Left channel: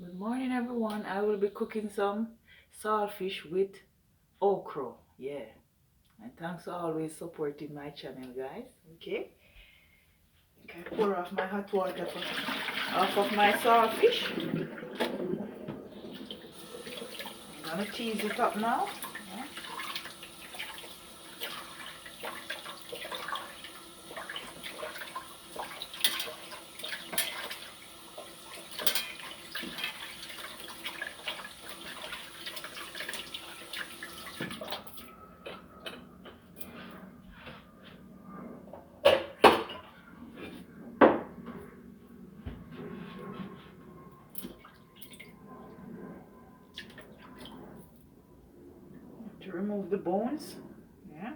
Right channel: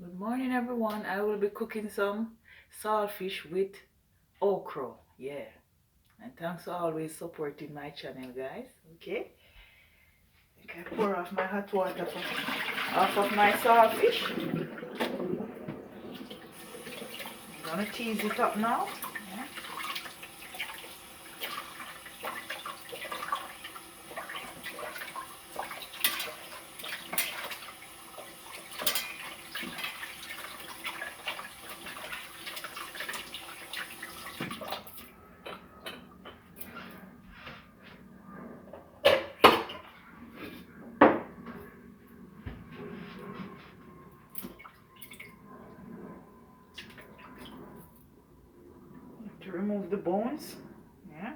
Good morning, everyone. I will be cooking some saltfish with okra. Yeah. And thanks for always supporting my channel, guys. Okay. Okay, pour off my hot water off of my saltfish. I'm gonna tease it up now. Yeah. To remove the bones. Yeah.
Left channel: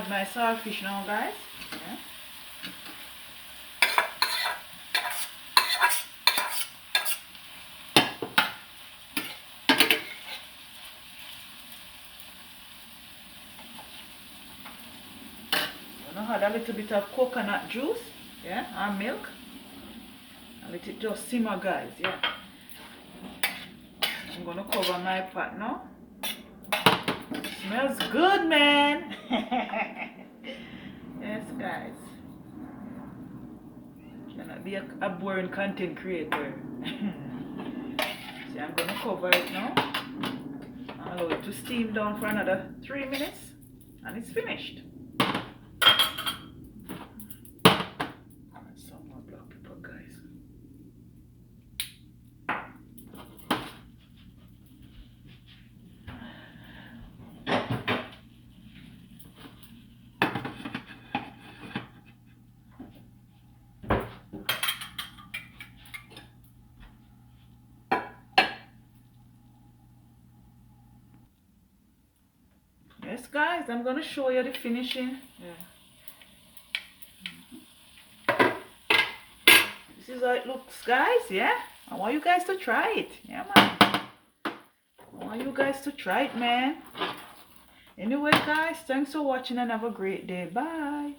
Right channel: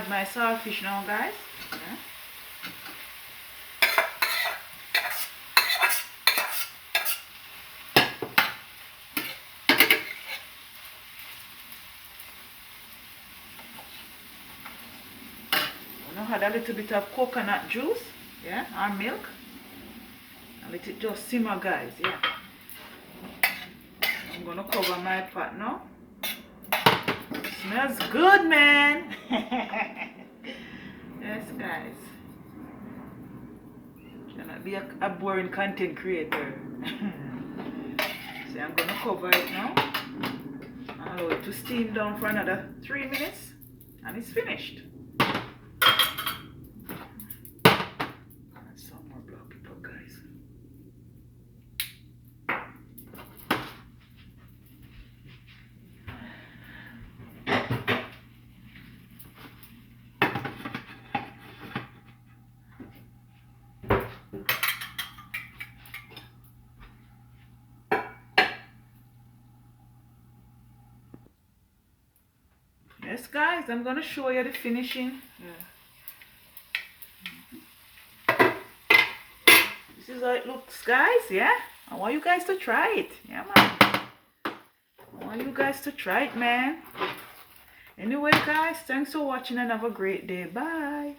add my saltfish now, guys. Yeah. I'm gonna add a little bit of coconut juice, yeah, or milk. And let it just simmer, guys. Yeah. I'm gonna cover my pot now. Smells good, man. Yes, guys. Should not be a boring content creator. So I'm gonna cover it now. Allow it to steam down for another 3 minutes, and it's finished. Add some more black pepper, guys. Yes, guys, I'm gonna show you the finishing. Yeah. This is how it looks, guys. Yeah, I want you guys to try it. Yeah, man. I want you guys to try it, man. Anyway, guys, thanks for watching and have a great day. Bye.